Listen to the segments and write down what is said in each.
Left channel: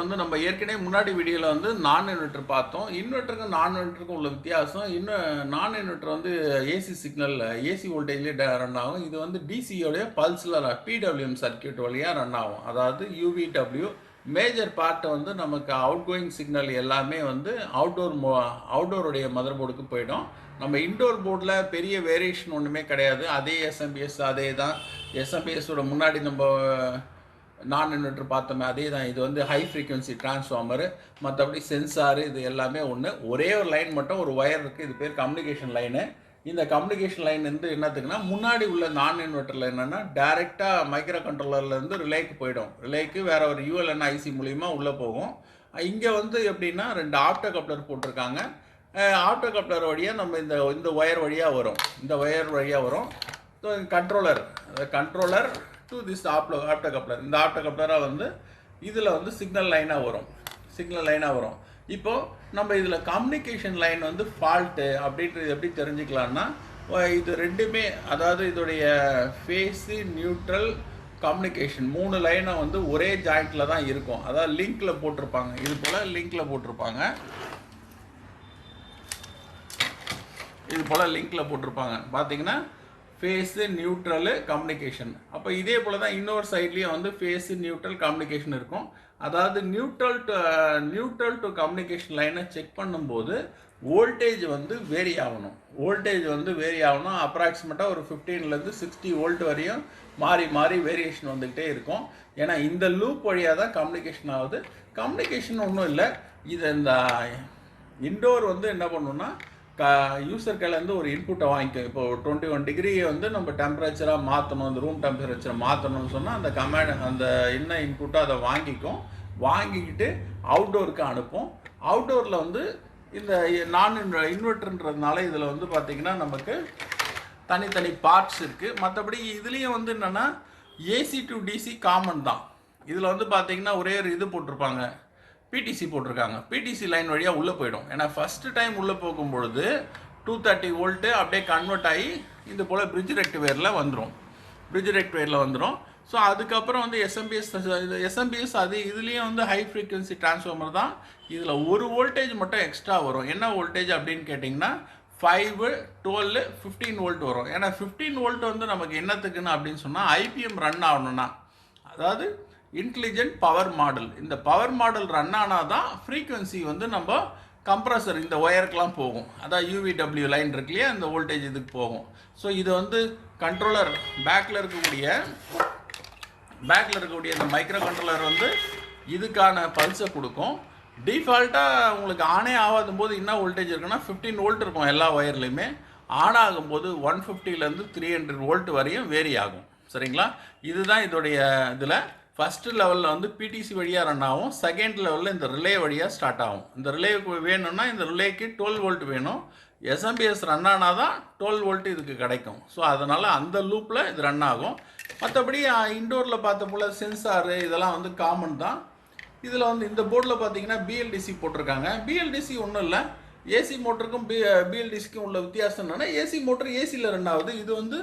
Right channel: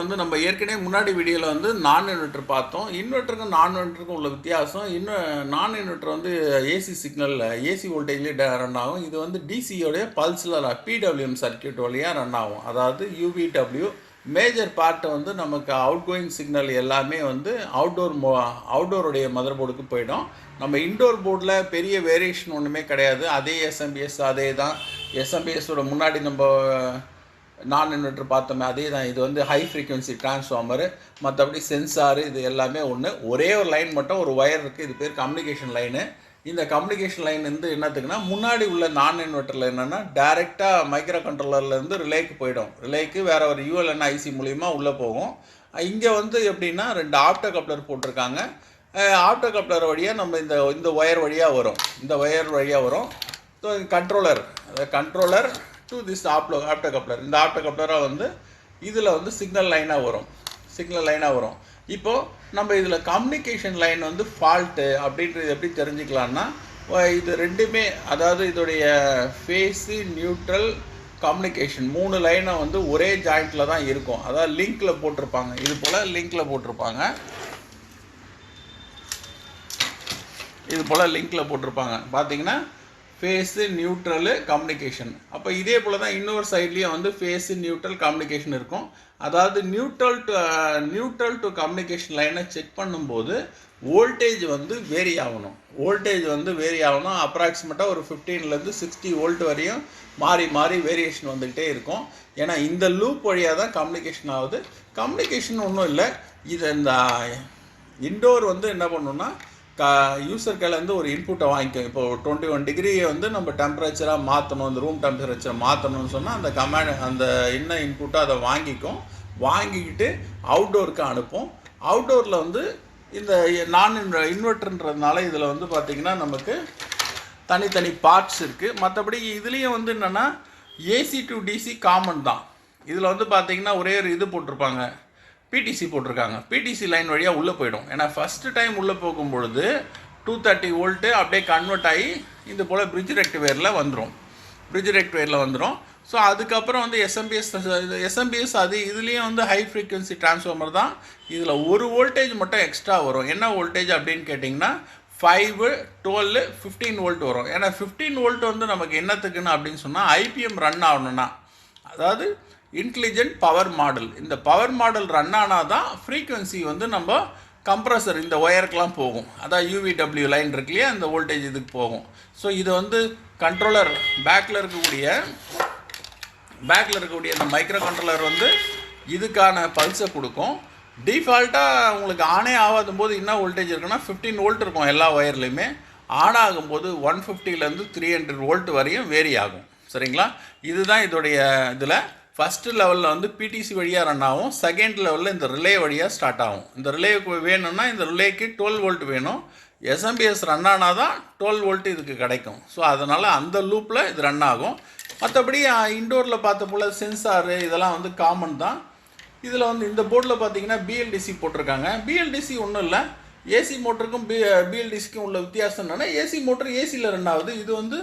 வந்து நம்ம ஏற்கனவே முன்னாடி வீடியோவில் வந்து நான் இன்வெர்டர் பார்த்தோம். இன்வெர்ட்டருக்கும் நான் இன்வெர்ட்டருக்கும் உள்ள வித்தியாசம், இன்னும் நான் இன்வெர்டர் வந்து ஏசி சிக்னல் ஏசி வோல்டேஜ்லேயே ரன் ஆகும். இது வந்து டிசியோடைய பல்ஸில் பிடபிள்யூஎம் சர்க்கியூட் வழியாக ரன் ஆகும். அதாவது யூவிடபிள்யூ மேஜர் பார்ட்டை வந்து நமக்கு அவுட் கோயிங் சிக்னல் எல்லாமே வந்து அவுட்டோருடைய மதர் போர்டுக்கு போயிடும். நம்ம இன்டோர் போர்டில் பெரிய வேரியேஷன் ஒன்றுமே கிடையாது. அதே எஸ்எம்பிஎஸ் அதே தான். எஸ்எம்பிஎஸோட முன்னாடி நம்ம நான் இன்வெர்டர் பார்த்தோமே அதே தான். இது வந்து ஹை ஃப்ரீக்வன்சி டிரான்ஸ்ஃபார்மரு, மற்றபடி சென்சாரு, இது எல்லாமே ஒன்று. ஒரே ஒரு லைன் மட்டும் ஒரு ஒயர் இருக்குது, இது பேர் கம்யூனிகேஷன் லைனு. இந்த கம்யூனிகேஷன் லைன் வந்து என்னத்துக்குன்னா, முன்னாடி உள்ள நான் இன்வெர்ட்டரில் என்னென்னா டேரெக்டாக மைக்ரோ கண்ட்ரோலர்லேருந்து ரிலேக்கு போயிடும். ரிலேக்கு வேறு ஒரு யூஎல்என் ஐசி மூலிமா உள்ளே போகும். இங்கே வந்து எப்படின்னா 2 ஆப்டோ கப்ளர் போட்டிருக்காங்க. ஆப்டோ கப்ளர் வழியாக நம்ம இந்த ஒயர் வழியாக வரும். இந்த ஒயர் வழியாக வரும். So controller to this opto coupler. இந்த ஆப்டோ கப்ளராக வந்து இதில் வந்து சிக்னல் லைனாக வரும். இப்போது நம்ம இதில் கம்யூனிகேஷன் லைன் வந்து ஃபால்ட்டு அப்படின்றது எப்படி தெரிஞ்சுக்கலான்னா, இது ரெண்டுமே, அதாவது இதோடைய ஃபேஸு, நியூட்ரல், கம்யூனிகேஷன் 3 லைனை வந்து ஒரே ஜாயிண்டில் தான் இருக்கும். அதாவது லிங்கில் போட்டிருப்பாங்க. இது போல் லிங்கில் போட்டிருப்பாங்க. பார்த்தீங்கன்னா ஃபேஸு, நியூட்ரலு, கம்யூனிகேஷன். அப்போ இதே போல் தான் இன்னொரு சைட்லேயும் வந்து ஃபேஸு, நியூட்ரல், கம்யூனிகேஷன் இருக்கும். அதாவது நியூட்ரல் டு கம்யூனிகேஷன் லைனை செக் பண்ணும்போது வோல்டேஜ் வந்து வேரி ஆகணும். அப்ராக்சிமேட்டாக ஒரு 15லேருந்து 60 வோல்ட் வரையும் மாறி வேரியேஷன் வந்துக்கிட்டே இருக்கும். ஏன்னா இந்த லூப் வழியாக தான் கம்யூனிகேஷன் ஆகுது. கம்யூனிகேஷன் ஒன்றும் இல்லை. இது இந்த இன்டோர் வந்து என்ன பண்ணணும்னா, யூசர் கையிலேருந்து ஒரு இன்புட்டை வாங்கிக்கும். இப்போ 21 டிகிரியை வந்து நம்ம டெம்பரேச்சராக மாற்றணும், இந்த ரூம் டெம்பரேச்சரை மாற்றணும்னு சொன்னால் அந்த என்ன இன்புட்டை அதை வாங்கிக்கிட்டு அவுட்டோருக்கு அனுப்போம். அவுட்டோரில் வந்து இந்த நான் இன்வெர்ட்டர்ன்றதுனால இதில் வந்து பார்த்திங்கன்னா நமக்கு தனித்தனி பார்ட்ஸ் இருக்குது. மற்றபடி இதுலேயும் வந்து என்னென்னா ஏசி டு டிசி காமன் தான். இதில் வந்து பார்த்திங்கன்னா ஒரே ஒரு இது போட்டிருப்பாங்க, பிடிசி போட்டிருக்காங்க. பிடிசி லைன் வழியாக உள்ளே போயிடும். ஏன்னா ஃபஸ்ட்டு டைம் உள்ளே போகும்பொழுது 230 வோல்ட்டு அப்படியே கன்வெர்ட் ஆகி இது போல் பிரிட்ஜ் ரெக்டிஃபையரில் வந்துடும். ஸோ அதுக்கப்புறம் வந்து எஸ்எம்பிஎஸ் அது இதுலேயும் வந்து ஹை ஃப்ரீக்வன்சி டிரான்ஸ்ஃபார்மர் தான். இதில் ஒரு வோல்டேஜ் மட்டும் எக்ஸ்ட்ரா வரும். என்ன வோல்டேஜ் அப்படின்னு கேட்டிங்கன்னா 5, 12, 15 வோல்ட் வரும். ஏன்னா 15 வோல்ட் வந்து நமக்கு என்னத்துக்குன்னு அப்படின்னு சொன்னால் ஐபிஎம் ரன் ஆகணும்னா, அதாவது இன்டெலிஜென்ட் பவர் மாடல். இந்த பவர் மாடல் ரன் ஆனால் தான் ஃப்ரீக்வன்சி வந்து நம்ம கம்ப்ரஸர் இந்த ஒயருக்கெலாம் போகும். அதான் யூவிடபிள்யூ லைன் இருக்கு இல்லையா, அந்த வோல்டேஜ் இதுக்கு போகும். ஸோ இது வந்து கண்ட்ரோலர் பேக்கில் இருக்கக்கூடிய இந்த மைக்ரோ கண்ட்ரோலர் வந்து இதுக்கான பல்ஸை கொடுக்கும். டிஃபால்ட்டாக உங்களுக்கு ஆனே ஆகாத போது என்ன வோல்டேஜ் இருக்குன்னா 15 வோல்ட் இருக்கும் எல்லா ஒயர்லையுமே. ஆன் ஆகும்போது 150லேருந்து 300 வோல்ட் வரையும் வேரி ஆகும். சரிங்களா? இதுதான் இதோடைய இதில் ஃபஸ்ட்டு லெவலில் வந்து பிடிசி வழியாக ரன் ஆகும். செகண்ட் லெவலில் இந்த ரிலே வழியாக ஸ்டார்ட் ஆகும். இந்த ரிலேவுக்கு வேணும்னா இந்த ரிலேக்கு 12 வோல்ட் வேணும். எஸ்எம்பிஎஸ் ரன் ஆனால் தான் 12 வோல்ட் இதுக்கு கிடைக்கும். ஸோ அதனால் அந்த லூப்பில் இது ரன் ஆகும். மற்றபடி இன்டோரில் பார்த்த போல் சென்சாரு இதெல்லாம் வந்து காமன் தான். இதில் வந்து இந்த போர்டில் பார்த்தீங்கன்னா பிஎல்டிசி போட்டிருக்காங்க. பிஎல்டிசி ஒன்றும் இல்லை, ஏசி மோட்டருக்கும் பிஎல்டிசிக்கும் உள்ள வித்தியாசம் என்னென்னா, ஏசி மோட்டர் ஏசியில் ரன் ஆகுது, இது வந்து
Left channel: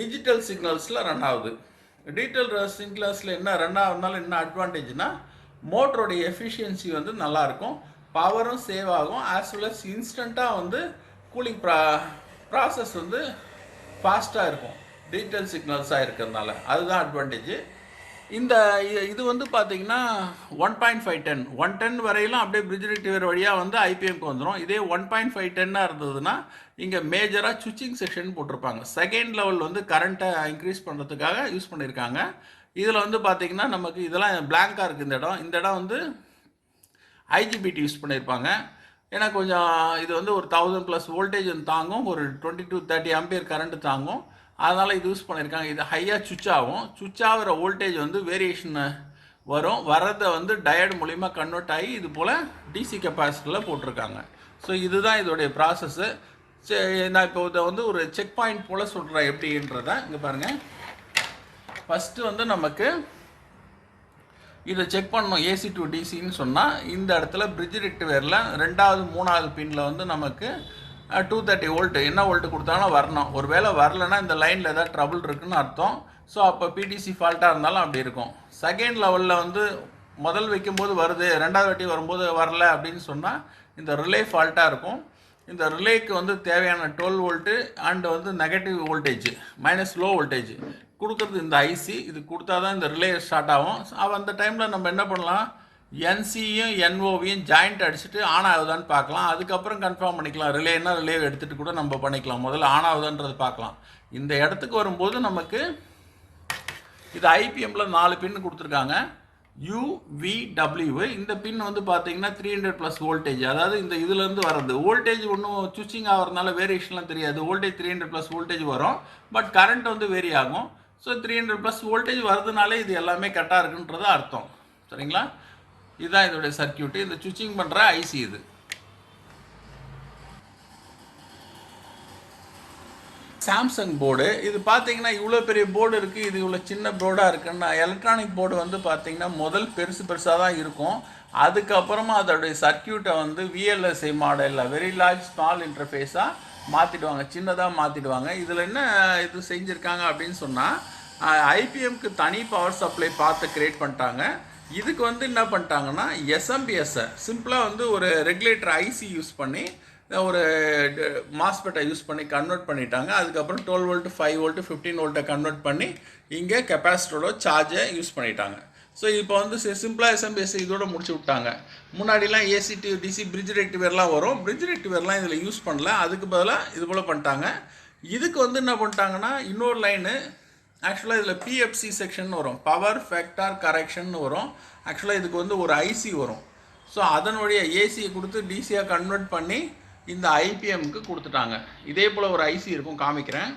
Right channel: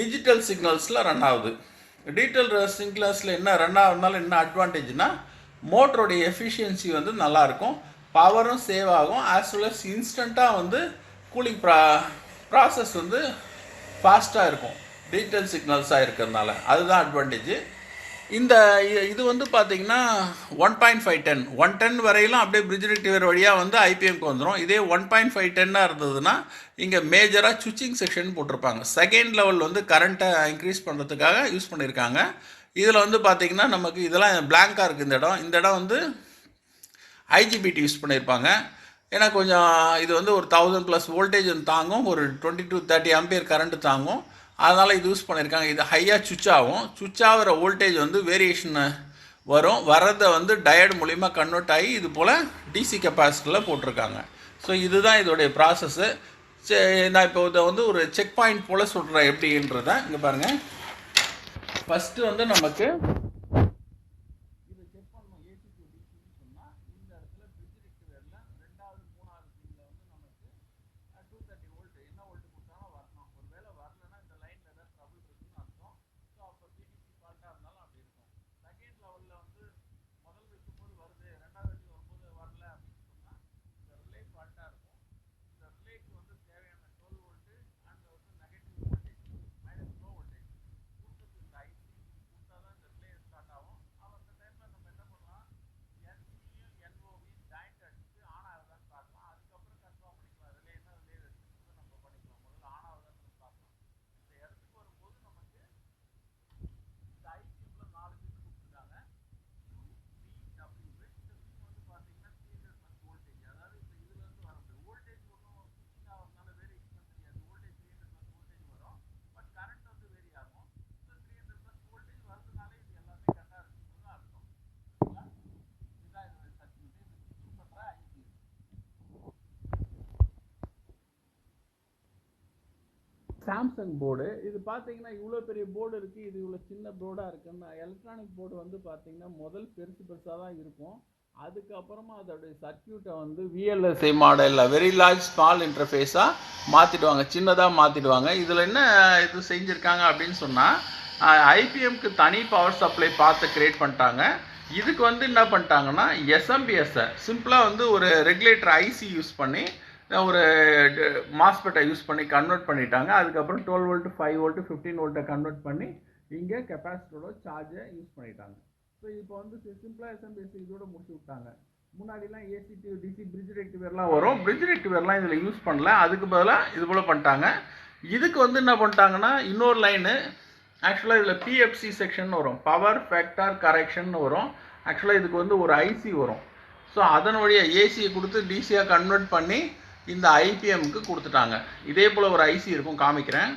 டிஜிட்டல் சிக்னல்ஸில் ரன் ஆகுது. டிஜிட்டல் சிக்னல்ஸில் என்ன ரன் ஆகுதுனால என்ன அட்வான்டேஜ்னா, மோட்டருடைய எஃபிஷியன்சி வந்து நல்லாயிருக்கும், பவரும் சேவ் ஆகும், ஆஸ் வெல் அஸ் இன்ஸ்டண்ட்டாக வந்து கூலிங் ப்ராசஸ் வந்து ஃபாஸ்ட்டாக இருக்கும் டிஜிட்டல் சிக்னல்ஸாக இருக்கிறதுனால. அதுதான் அட்வான்டேஜ். இது வந்து பார்த்திங்கன்னா 1.510 வரையிலும் அப்படியே பிரிட்ஜ் ரெக்டிஃபையர் வழியாக வந்து ஐபிஎம்க்கு வந்துடும். இதே 1.510 இருந்ததுன்னா இங்கே மேஜராக சுவிட்சிங் செக்ஷன் போட்டிருப்பாங்க. செகண்ட் லெவல் வந்து கரண்ட்டை இன்க்ரீஸ் பண்ணுறதுக்காக யூஸ் பண்ணியிருக்காங்க. இதில் வந்து பார்த்திங்கன்னா நமக்கு இதெல்லாம் பிளாங்காக இருக்குது. இந்த இடம் வந்து ஐஜிபிடி யூஸ் பண்ணியிருப்பாங்க. ஏன்னா கொஞ்சம் இது வந்து ஒரு 1000+ வோல்டேஜ் தாங்கும், ஒரு 20 to 30 ஆம்பியர் கரண்ட்டு தாங்கும். அதனால் இது யூஸ் பண்ணியிருக்காங்க. இது ஹையாக சுவிட்ச் ஆகிற வோல்டேஜ் வந்து வேரியேஷன் வர்றதை வந்து டயர்டு மூலிமா கன்வெர்ட் ஆகி இது போல் டிசி கெப்பாசிட்டரில் போட்டிருக்காங்க. ஸோ இதுதான் இதோடைய ப்ராசஸ்ஸு. நான் இப்போ இதை வந்து ஒரு செக் பாயிண்ட் போல் சொல்கிறேன் எப்படின்றத. இங்கே பாருங்கள், ஃபஸ்ட்டு வந்து நமக்கு இதை செக் பண்ணணும். ஏசி டு டிசின்னு சொன்னால் இந்த இடத்துல பிரிட்ஜ் ரெக்டிஃபையரில் 2வது 3வது பின்னில் வந்து நமக்கு 230 வோல்ட் என்ன வோல்ட்டு கொடுத்தாலும் வரணும். ஒரு வேளை வரலைன்னா இந்த லைனில் ஏதாவது ட்ரபுள் இருக்குதுன்னு அர்த்தம். ஸோ அப்போ பிடிசி ஃபால்ட்டாக இருந்தாலும் அப்படி இருக்கும். செகண்ட் லெவலில் வந்து முதல் வைக்கும்போது வருது, ரெண்டாவது வாட்டி வரும்போது வரல அப்படின்னு சொன்னால் இந்த ரிலே ஃபால்ட்டாக இருக்கும். இந்த ரிலேக்கு வந்து தேவையான 12 வோல்ட்டு அண்ட் வந்து negative voltage minus low voltage கொடுக்குறது இந்த ஐசி. இது கொடுத்தா தான் இந்த ரிலே ஸ்டார்ட் ஆகும். அந்த டைமில் நம்ம என்ன பண்ணலாம், என்சியும் என்ஓவியும் ஜாயிண்ட் அடிச்சுட்டு ஆன் ஆகுதான்னு பார்க்கலாம். அதுக்கப்புறம் கன்ஃபார்ம் பண்ணிக்கலாம். ரிலேனா ரிலே எடுத்துகிட்டு கூட நம்ம பண்ணிக்கலாம். முதல்ல ஆன் ஆகுதான்றது பார்க்கலாம். இந்த இடத்துக்கு வரும்போது நமக்கு இது ஐபிஎம்மில் 4 பின்னு கொடுத்துருக்காங்க. UVW. இந்த பின் வந்து பார்த்தீங்கன்னா 300+ வோல்டேஜ். அதாவது இந்த இதுலேருந்து வர்றது வோல்டேஜ் ஒன்றும் சுவிச்சிங் ஆகிறதுனால வேரியேஷன்லாம் தெரியாது. வோல்டேஜ் 300+ வோல்டேஜ் வரும், பட் கரண்ட் வந்து வேரி ஆகும். ஸோ 300+ வோல்டேஜ் வருதுனாலே இது எல்லாமே கரெக்டாக இருக்குன்றது அர்த்தம். சரிங்களா? இதுதான் இதோடைய சர்க்கியூட்டு. இந்த சுவிச்சிங் பண்ணுற ஐசி இது. Samsung board. இது பார்த்தீங்கன்னா இவ்வளோ பெரிய போர்டு இருக்குது, இது இவ்வளோ சின்ன போர்டாக இருக்குன்னா எலக்ட்ரானிக் போர்டு வந்து பார்த்தீங்கன்னா முதல் பெருசாக தான் இருக்கும். அதுக்கப்புறமா அதோடைய சர்க்கியூட்டை வந்து VLSI மாடலில் வெரி லார்ஜ் ஸ்மால் இன்டர்ஃபேஸாக மாற்றிடுவாங்க, சின்னதாக மாற்றிடுவாங்க. இதில் என்ன இது செஞ்சுருக்காங்க அப்படின்னு சொன்னால், ஐபிஎம்க்கு தனி பவர் சப்ளை பார்த்து க்ரியேட் பண்ணிட்டாங்க. இதுக்கு வந்து என்ன பண்ணிட்டாங்கன்னா எஸ்எம்பிஎஸ்ஸை சிம்பிளாக வந்து ஒரு ரெகுலேட்டர் ஐசி யூஸ் பண்ணி ஒரு மாஸ்பெட்டை யூஸ் பண்ணி கன்வெர்ட் பண்ணிட்டாங்க. அதுக்கப்புறம் 12 வோல்ட்டு 5 வோல்ட்டு 15 வோல்ட்டை கன்வெர்ட் பண்ணி இங்கே கெப்பாசிட்டரோட சார்ஜை யூஸ் பண்ணிட்டாங்க. ஸோ இப்போ வந்து சிம்பிளாக எஸ்எம்பிஎஸ் இதோட முடிச்சு விட்டாங்க. முன்னாடிலாம் ஏசி டு டிசி பிரிட்ஜ் ரெக்டிவேர்லாம் வரும். பிரிட்ஜ் ரெக்டிவேர்லாம் இதில் யூஸ் பண்ணல, அதுக்கு பதிலாக இது போல் பண்ணிட்டாங்க. இதுக்கு வந்து என்ன பண்ணிட்டாங்கன்னா இன்னொரு லைனு ஆக்சுவலாக இதில் பிஎஃப்சி செக்ஷன் வரும், பவர் ஃபேக்டார் கரெக்ஷன் வரும். ஆக்சுவலாக இதுக்கு வந்து ஒரு ஐசி வரும். ஸோ அதன் வழியாக ஏசியை கொடுத்து டிசியாக கன்வெர்ட் பண்ணி இந்த ஐபிஎம்க்கு கொடுத்துட்டாங்க. இதே போல் ஒரு ஐசி இருக்கும், காமிக்கிறேன்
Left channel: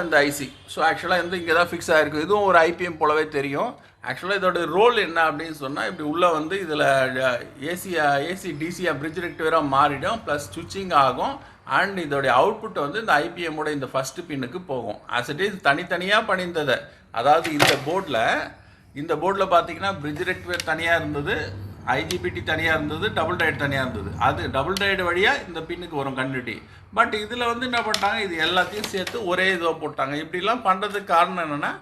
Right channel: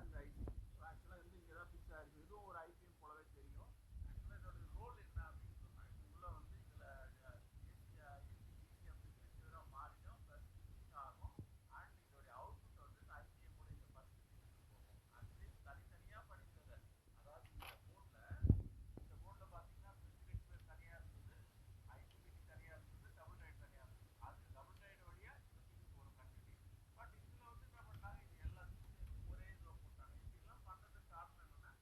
அந்த ஐசி. ஸோ ஆக்சுவலாக வந்து இங்கே தான் ஃபிக்ஸ் ஆகிருக்கு. இதுவும் ஒரு ஐபிஎம் போலவே தெரியும். ஆக்சுவலாக இதோட ரோல் என்ன அப்படின்னு சொன்னால், இப்படி உள்ளே வந்து இதில் ஏசி டிசியாக பிரிட்ஜ் ரெக்டிவேராக மாறிடும், ப்ளஸ் சுவிச்சிங் ஆகும். அண்ட் இதோடைய அவுட்புட் வந்து இந்த ஐபிஎம்மோட இந்த ஃபஸ்ட்டு பின்னுக்கு போகும். ஆஸ் இட் இஸ் தனித்தனியாக பண்ணியிருந்ததை, அதாவது இந்த போர்டில் பார்த்தீங்கன்னா பிரிட்ஜ் ரெக்டிவேர் தனியாக இருந்தது, ஐஜிபிடி தனியாக இருந்தது, டபுள் டைட் தனியாக இருந்தது. அது டபுள் டைட் வழியாக இந்த பின்னுக்கு வரும் கண்டினியூட்டி. பட் இதில் வந்து என்ன பண்ணிட்டாங்க, இது எல்லாத்தையும் சேர்த்து ஒரே இதுவாக போட்டாங்க. இப்படிலாம் பண்ணுறதுக்கு காரணம் என்னென்னா,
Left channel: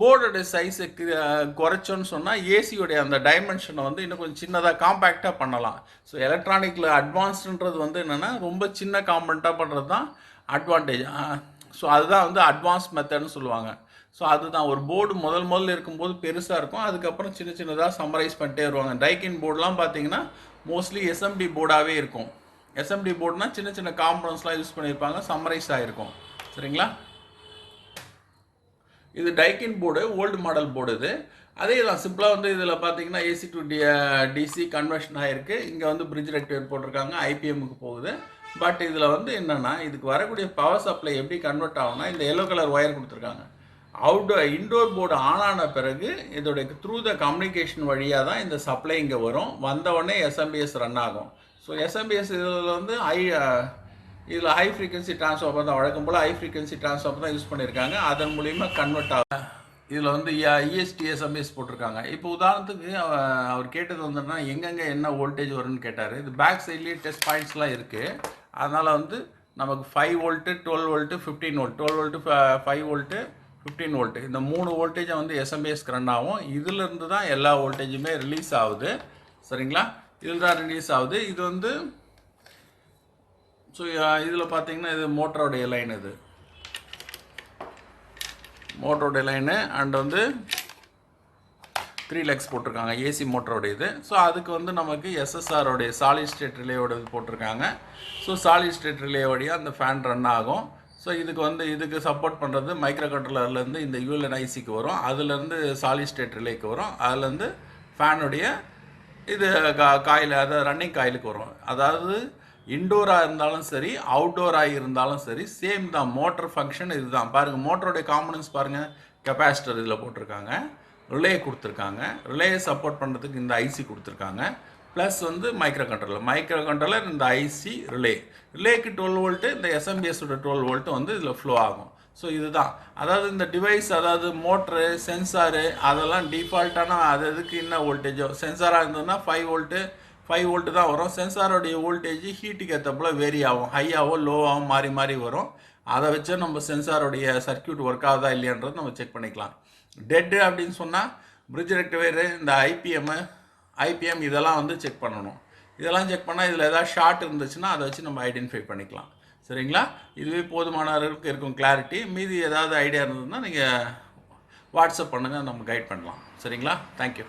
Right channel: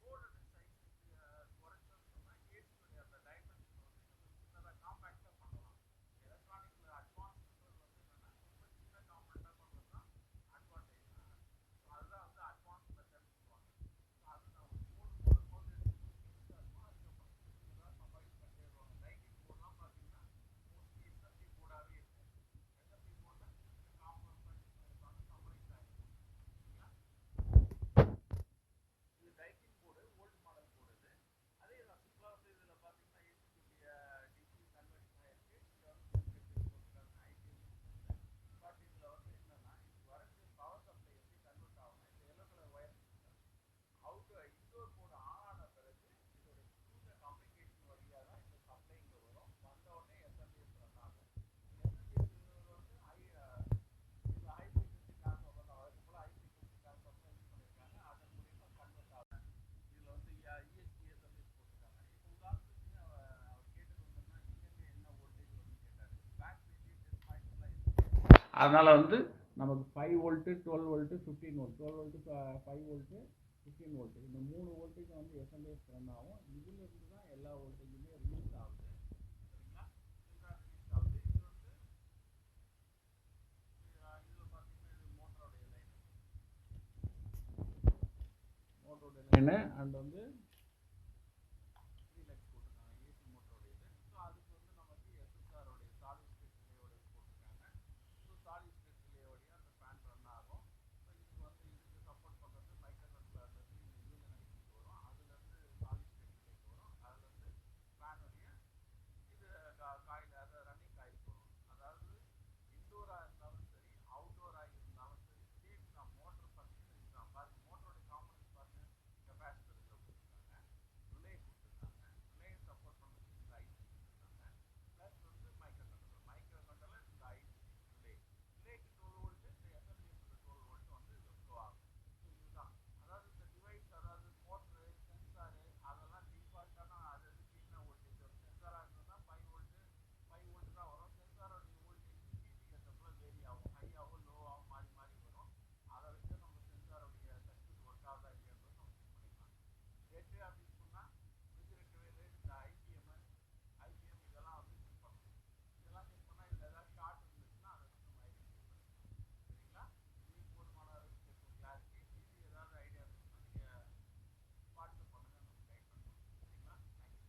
போர்டோடைய சைஸை குறைச்சோன்னு சொன்னால் ஏசியோடைய அந்த டைமென்ஷனை வந்து இன்னும் கொஞ்சம் சின்னதாக காம்பேக்டாக பண்ணலாம். ஸோ எலக்ட்ரானிக்கில் அட்வான்ஸ்டுன்றது வந்து என்னென்னா ரொம்ப சின்ன காம்பனண்ட்டாக பண்ணுறது தான் அட்வான்டேஜ். ஸோ அதுதான் வந்து அட்வான்ஸ் மெத்தட்னு சொல்லுவாங்க. ஸோ அதுதான் ஒரு போர்டு முதல்ல இருக்கும்போது பெருசாக இருக்கும், அதுக்கப்புறம் சின்னதாக சம்மரைஸ் பண்ணிட்டே வருவாங்க. டைக்கின் போர்டெலாம் பார்த்தீங்கன்னா மோஸ்ட்லி எஸ்எம்டி போர்டாகவே இருக்கும். எஸ்எம்டி போர்டுனா சின்ன காம்பனன்ட்ஸ்லாம் யூஸ் பண்ணியிருப்பாங்க, சம்மரைஸ் ஆகிருக்கும். சரிங்களா? இது டைக்கின் போர்டு, ஓல்டு மாடல் போர்டு. இது அதே தான் சிம்பிளாக வந்து இதில் பார்த்தீங்கன்னா ஏசி டு டிசி கன்வர்ஷன் ஆகிருக்கு. இங்கே வந்து பிரிட்ஜ் ரெக்டிவேர் போட்டிருக்காங்க, ஐபிஎம்முக்கு போகுது. பட் இதில் வந்து என்னென்னா, இதுக்கு வரக்கூடிய பவர் சப்ளை எப்படி கன்வெர்ட் ஆகும்னா, இந்த எல்லோ கலர் ஒயர் கொடுத்துருக்காங்க. இன்டோர் போர்டு ஆன் ஆன பிறகு இதோடைய த்ரூ த கம்யூனிகேஷன் வழியாக தான் இந்த சப்ளை இங்கே வரும். வந்தவுடனே எஸ்எம்பிஎஸ் ரன் ஆகும். ஸோ எஸ்எம்பிஎஸ் இதில் வந்து இதில் ஹை ஃப்ரீக்வன்சி ட்ரான்ஸ்ஃபார்மர் தான், வழக்கம் போல் ஹை ஃப்ரீக்வன்சி ட்ரான்ஸ்ஃபார்மர் தான் யூஸ் பண்ணியிருக்காங்க. அதன் மூலிமா கன்வெர்ட் ஆகும். இதில் வந்து இஎஸ்டி எஸ்எம்பிஎஸ் போட்டிருக்காங்க. இப்போ உதாரணத்துக்கு அவர் கேட்டது வந்துன்னா எங்கெங்கே என்ன வோல்டேஜ் வரும்னு கேட்டார். இது பேக் சைட்லேயே டெஸ்ட் பாயிண்ட்ஸ்லாம் இருக்குது. அதனால் வந்து நமக்கு 5 volt 12 volt 15 volt 12 volt 5 volt 15 volt இந்த 3 வோல்டேஜை வந்து எஸ்எம்பிஎஸ்க்கு ரன் ஆகும். இதிலிருந்து தான் எல்லா வோல்டேஜுமே ரிலீஸ் ஆகுது. சரிங்களா? இதில் தான் ரிலீஸ் ஆகுது. இது வந்து ஸோ இதில் பார்த்தீங்கன்னா இது மோட்டரோடைய லைன், இது மோட்டரோடைய லைனு. அண்ட் வந்து 3 லெக்ஸ் போட்டிருக்காங்க ஏசி மோட்டரோடைய இது. ஸோ அதுக்கு வந்து நமக்கு எஸ்எஸ்ஆரோடைய சாலிட் ஸ்டேட் ரிலேயோட இது போட்டிருக்காங்க. ஸோ சாலிட் ஸ்டேட் ரிலே வழியாக அந்த ஃபேன் ரன் ஆகும். ஸோ இதுக்கு சப்போர்ட் பண்ணுறது மைக்ரோ கண்ட்ரோலர்லேருந்து இந்த யூஎல்என்ஐசிக்கு வரும், அதுலேருந்து சாலிட் ஸ்டேட் ரிலேக்கு வரும், அதுலேருந்து ஃபேனுடைய இது காயில், அதாவது ரன்னிங் காயிலுக்கு வரும். அதாவது இன்டோராக இருந்தாலும் சரி அவுட்டோராக இருந்தாலும் சரி சேம் தான். மோட்டர் ஃபங்க்ஷன் இதுதான். பாருங்கள் மோட்டருடைய காம்பனன்ட்ஸ் பாருங்கள். கெப்பாசிட்டர் இதில் போட்டிருக்காங்க, ரிலே கொடுத்துருக்காங்க, ரிலேயை சப்போர்ட் பண்ணுறதுக்கு இந்த ஐசி கொடுத்துருக்காங்க, ப்ளஸ் வந்து மைக்ரோ கண்ட்ரோலர் இந்த ஐசி ரிலேக்கு 12 வோல்ட்டு, இந்த எஸ்எம்பிஎஸோட 12 வோல்ட்டு வந்து இதில் ஃப்ளோ ஆகும். ஸோ இதுதான். அதாவது இந்த டிவைஸ், அதாவது மோட்ரு சென்சாரு அதெல்லாம் டிஃபால்ட்டான அது எதுக்கு என்ன வோல்டேஜோ, சென்சாராக இருந்ததுன்னா 5 வோல்ட்டு தான் வரும். சென்சாரோடைய வோல்டேஜ் ஹீட்டுக்கு ஏற்றப்போல் வேரி ஆகும், ஹையாவோ லோவாகவும் மாறி வரும். அதை வச்சு நம்ம சென்சாரோடைய சர்க்கியூட் ஒர்க் ஆகுதா இல்லையான்றது நம்ம செக் பண்ணிக்கலாம். டெட்டு அப்படின்னு சொன்னால் பிரிட்ஜ் ரெக்டிஃபையரு, இந்த ஐபிஎம் இதெல்லாம் வந்து செக் பண்ணணும். இதெல்லாம் செக் பண்ணால் இதில் ஏதாவது ஷார்ட் இருந்துச்சுன்னா அதை வச்சு நம்ம ஐடென்டிஃபை பண்ணிக்கலாம். சரிங்களா? இதுவே போதுமான அளவுக்கு இருக்கும் கிளாரிட்டி. மீதி ஏதாவது ஐடியா இருந்ததுன்னா நீங்கள் வாட்ஸ்அப் பண்ணுங்கள், நம்ம கைட் பண்ணலாம். சரிங்களா? தேங்க்யூ.